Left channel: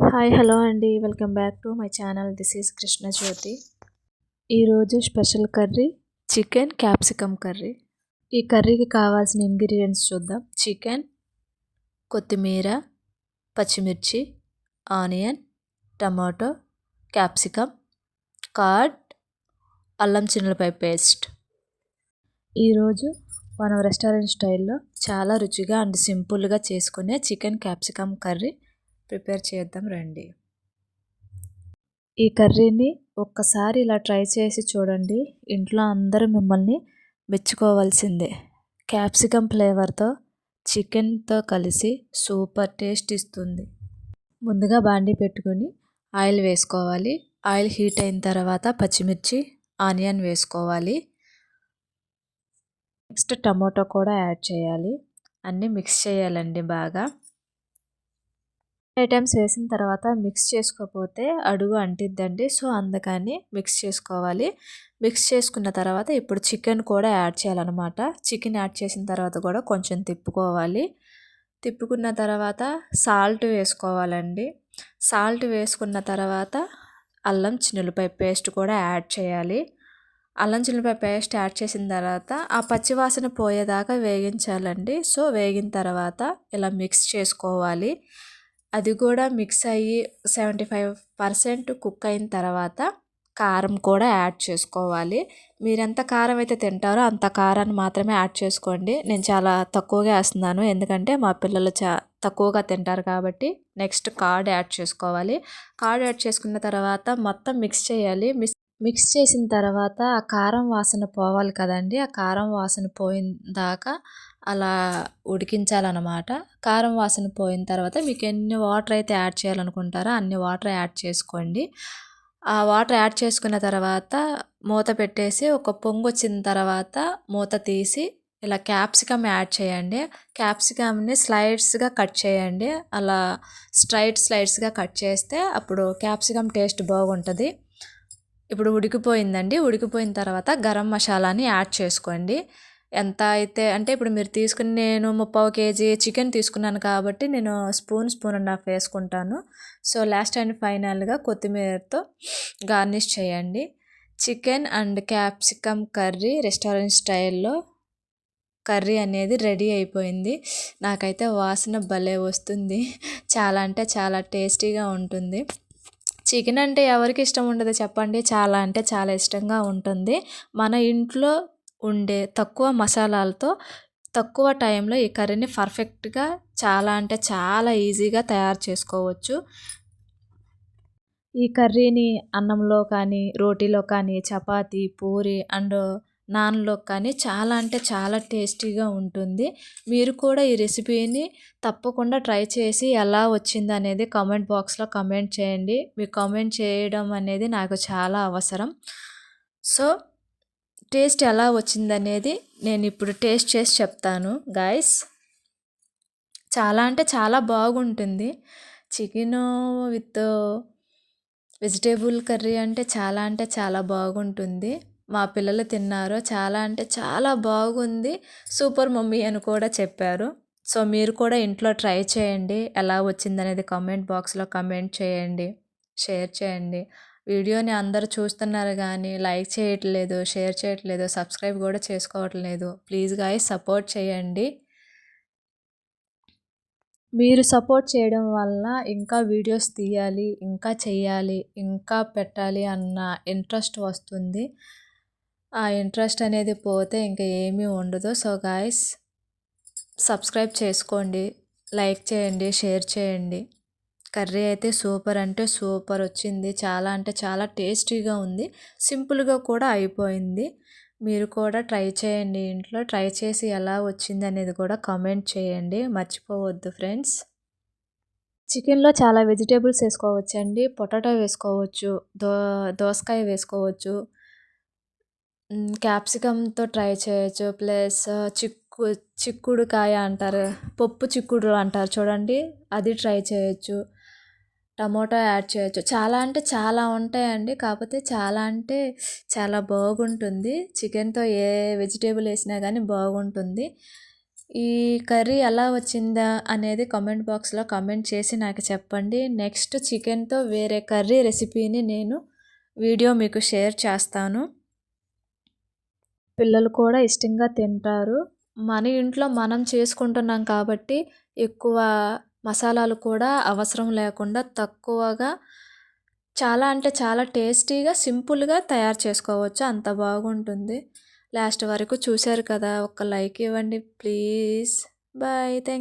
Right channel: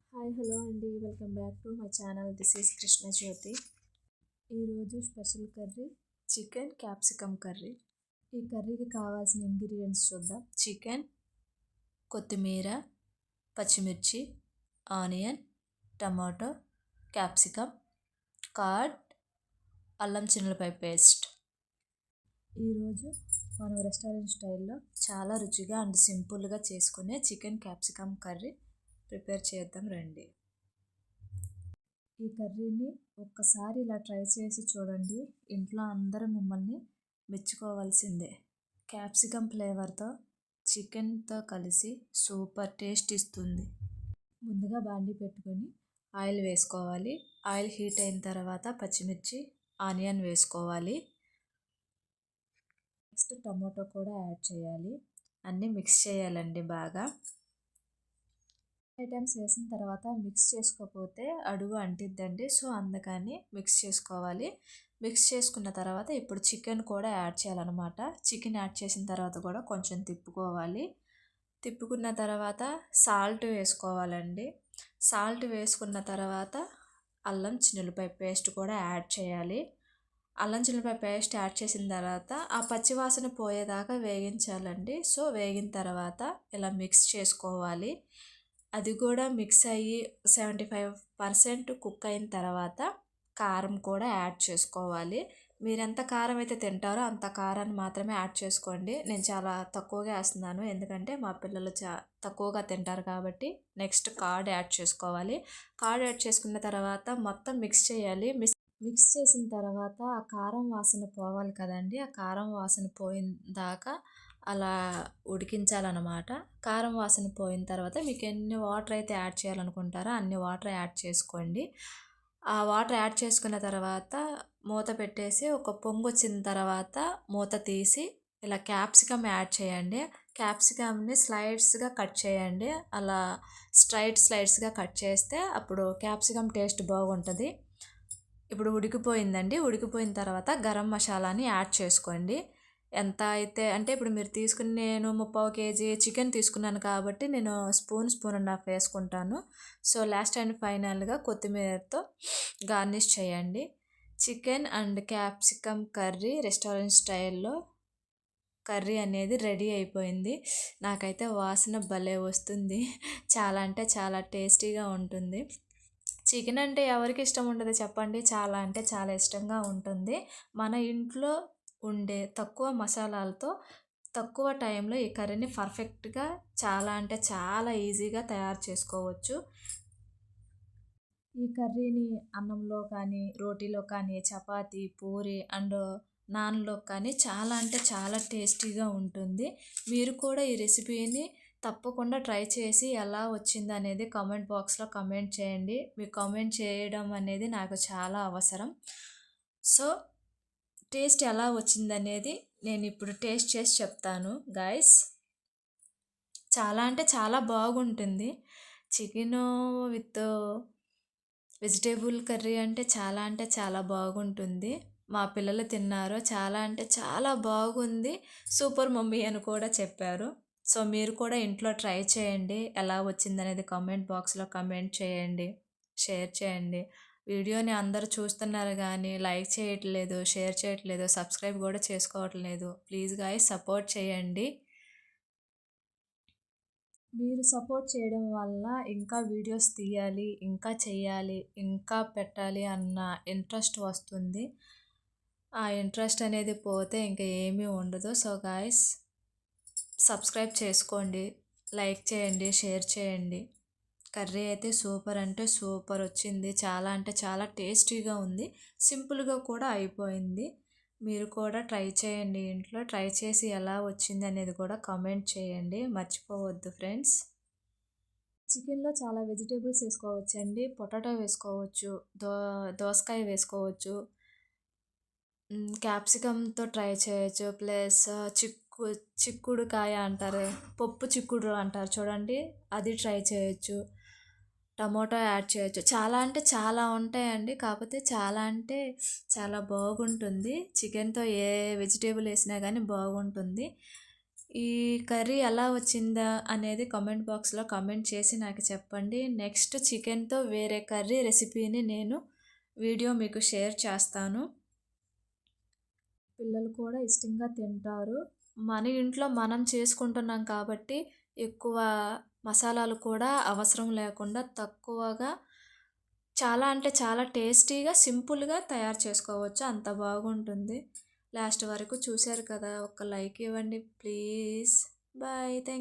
Hi hello అండి. Welcome back to my channel this is Krishna Jyothi ఈరోజు special curry chicken capsicum curry ఈ కర్రీకి కావాల్సిన ingredients చూద్దాం. చికెన్ కొత్తిమీర పచ్చిమిర్చి ఆనియన్ టమాటో క్యాప్సికమ్ కార్డ్ అల్లం చిన్నలపై పేస్ట్ ఈరోజు మనం రెస్టారెంట్ స్టైల్లో చాలా రుచిగా అండ్ సింపుల్గా చేసుకునే చికెన్ క్యాప్సికమ్ కర్రీ ప్రిపేర్ చేద్దాం రండి. ఈ కర్రీని ఒక్కసారి ఇలా ట్రై చేసి చూడండి. ఇంట్లో అందరూ మిమ్మల్ని మెచ్చుకోవాల్సిందే. క్యాప్సికమ్ ఫ్లేవర్తో చికెన్తో కలిసి సూపర్ టేస్ట్ ఇస్తుంది. ముందుగా బాండీ పెట్టుకొని ఆయిల్ వేసుకోవాలి. ఆయిల్ హీట్ అయిన తర్వాత పచ్చిమిర్చి ఆనియన్ వేసుకోవాలి. నెక్స్ట్ టమాటో కూడా యాడ్ చేయాలి. అన్నీ మిక్స్ చేయాలండి బాగా. ఐటమ్స్ వేసిన తర్వాత మిక్స్ చేసుకోకపోతే అడుగు అంటిద్దండి. సో అందుకని మిక్స్ చేసుకోవాలి. మిక్స్ చేసుకున్న తర్వాత ఇప్పుడు చికెన్ కూడా యాడ్ చేయాలన్నమాట. చికెన్ యాడ్ చేసిన తర్వాత కూడా కొంచెం తిప్పుకోవాలి. తిప్పుకున్న తర్వాత సాల్ట్ వేసుకోవాలండి. సాల్ట్ వేసుకున్న తర్వాత అల్లం చిన్నులపై పేస్ట్ కూడా యాడ్ చేయాలి. అల్లం చిల్లిపాయ పేస్ట్ యాడ్ చేసిన తర్వాత ఆ పచ్చివాసన పోయేదాకా వేగించాలండి. సో వేగిన తర్వాత ఇలా మిక్స్ చేసుకోవాలి. అది కూడా మిక్స్ అయ్యి సెవెంటీ ఫైవ్ పర్సెంట్ కుక్ అయిన తర్వాత కారం కూడా యాడ్ చేసుకోవాలి. మీరు ఎంత కారం అయితే తింటారో అంత కారాన్ని మాత్రమే యాడ్ చేసుకోండి. నేను చాలా తక్కువగా వేస్తున్నాను. ఎందుకంటే మా పిల్లలు చా తక్కువగా తింటారు కాబట్టి నెక్స్ట్ కార్డ్ యాడ్ చేసుకోవాలి. కార్డ్ యాడ్ చేసుకున్న తర్వాత మొత్తం మిక్స్ చేయాలి. మిక్స్ మిక్స్ చేసిన తర్వాత ఆ కారం వాసన పోవాలి కదండి. ఆ కారం వాసన పోయిన దాకా అలా ఉడికించాలన్నమాట. కారం వాసన పోయిన తర్వాత మీకు ఎన్ని వాటర్ అయితే యాడ్ చేయాలనుకుంటారో అన్ని వాటర్ యాడ్ చేసుకోండి. ఆ వాటర్ యాడ్ చేసుకున్న తర్వాత మూత పెట్టేసి ఒక పొంగు వచ్చిన తర్వాత మూత తీసి ఇలా క్యాప్సికమ్ యాడ్ చేయండి. క్యాప్సికమ్ని స్లైడ్స్గా కట్ చేయండి. అలా స్ట్రైట్ స్లైడ్స్గా కట్ చేస్తే అప్పుడు క్యాప్సికమ్ టేస్ట్ బాగుంటుంది. ఇప్పుడు ఉడికిపోయిందండి. ఉడికిపోయిన తర్వాత గరం మసాలాని యాడ్ చేసుకోండి. ఎంత అయితే అంటే ఇప్పుడు మీరు తీసుకుని నేను ముప్పావు కేజీ చికెన్ తీసుకున్నాను కాబట్టి నేను స్పూన్ స్పూన్ అండ్ హాఫ్ వేసుకుంటాను. సో లాస్ట్ అండ్ ఫైనల్గా కొత్తిమీరతో గార్నిష్ చేయండి. Chicken and capsicum curry restaurant స్టైల్లో కర్రీ అనేది రెడీ అయిపోయింది. నాకైతే వాసన భలే వస్తుంది. చాలా అంటే చాలా టేస్టీగా ఉంటుంది. చికెన్ అంటే ఎవరికి ఇష్టం ఉండదు చెప్పండి. చాలా అంటే చాలా ఇష్టంగా ఉంటుంది. మన ఇంట్లో ఉండే తక్కువ మసాలాలతో తక్కువ టైంలో ఈ కర్రీని పర్ఫెక్ట్గా చాలా అంటే చాలా ఈజీగా తయారు చేసుకోవచ్చు. ఈ కర్రీని అన్నంలో కానీ రోటీలో కానీ చపాతి పూరి అండ్ నాన్లో కానీ చాలా అంటే చాలా టేస్టీగా ఉంటుంది. మీరు కూడా ఈ రెసిపీని తప్పకుండా ట్రై చేసి ఎలా వచ్చింది అనేది కామెంట్ బాక్స్లో కమెంట్ చేయండి. మీరు కామెంట్ చేయడం అనేది నాకు చాలా అవసరం. సో టేస్ట్ ఎలా వచ్చిందనేది నేను ఇప్పుడు టేస్ట్ చేసి చెప్తాను గాయస్. చాలా అంటే చాలా బాగుంటుంది. చికెన్ విత్ వెజిటేబుల్ కర్రీ అంటే చాలా అంటే చాలా బాగుంటుంది. మా పిల్లలు తిన్నారు చాలా అంటే చాలా బాగుంది. సూపర్ మమ్మీ అని కూడా చెప్పారు. సో మీరు కూడా ఇంట్లో ట్రై చేయండి. ఎలా వచ్చిందనేది కామెంట్ బాక్స్లో కమెంట్ చేయండి. షేర్ చేయండి. వీడియోని అందరు చూస్తున్నారు కానీ లైక్ చేయట్లేదు షేర్ చేయట్లేదు సబ్స్క్రైబ్ కూడా చేసుకోవట్లేదు. ప్లీజ్ గాయస్ సపోర్ట్ చేయండి. మీరు సపోర్ట్ చేయడం వల్ల ఇంకా వీడియోస్ తీయాలి ఇంకా చేయాలి ఇంకా పెట్టాలి అన్న ఇంట్రెస్ట్ వస్తుంది. ఆ ఇంట్రెస్ట్ అనేది పోతే ఇంకా ఏమీ ఉండదు. సో గాయస్ సబ్స్క్రైబ్ చేసుకోండి. లైక్ చేయండి షేర్ చేయండి. కర్రీ అయితే సూపర్ అంటే సూపర్ వచ్చింది. చాలా అంటే చాలా టేస్టీగా ఉంది. సింపుల్గా కూడా అయిపోయింది. మీరు కూడా ట్రై చేయండి ఇంట్లో. ట్రై చేసి ఎలా వచ్చింది అనేది కూడా కామెంట్ చేయండి. మర్చిపోవద్దు ఫ్రెండ్స్. చికెన్లో చాలా వెజిటేబుల్స్ వేసుకోవచ్చండి. పొటాటో వేసుకోవచ్చు. దో దోసకాయ వేసుకోవచ్చు. క్యాప్సికమ్తో ట్రై చేయొచ్చు. ప్లస్ చిక్కు చిక్కుడుకాయ అంటారు. పప్పు చిక్కుడు అంటారు చూడండి. అది ట్రై చేయొచ్చు. టమోటా యాడ్ చేయొచ్చు. చాలా అంటే చాలా ఉంటాయండి. కాకపోతే చాలా అంటే చాలా బాగుంటుంది. చికెన్తో ఏ వెజిటేబుల్ వేసినా కానీ బాగుంటుంది. ఈ కర్రీ ఎలా వచ్చిందా అనేది కామెంట్ బాక్స్లో కామెంట్ చేసి నాకు చెప్పండి. నెక్స్ట్ చికెన్తో వేరే కర్రీ రెసిపీని నేను వీడియో మీకు షేర్ చేస్తాను. పిల్లలు కూడా ఇష్టంగా తింటారు. మన ఇంట్లో మనం చేసుకుంటున్నాం కాబట్టి ఎక్కువ మసాలాలు కూడా అవసరం లేకుండా తక్కువగా చాలా అంటే చాలా టేస్టీగా సింపుల్గా తయారు చేసుకోవచ్చు. అంత బాగుంటుంది. లాస్ట్ వరకు చూశారు కదా ఒక లైక్ ఇవ్వండి ప్లీజ్. బాయ్. థ్యాంక్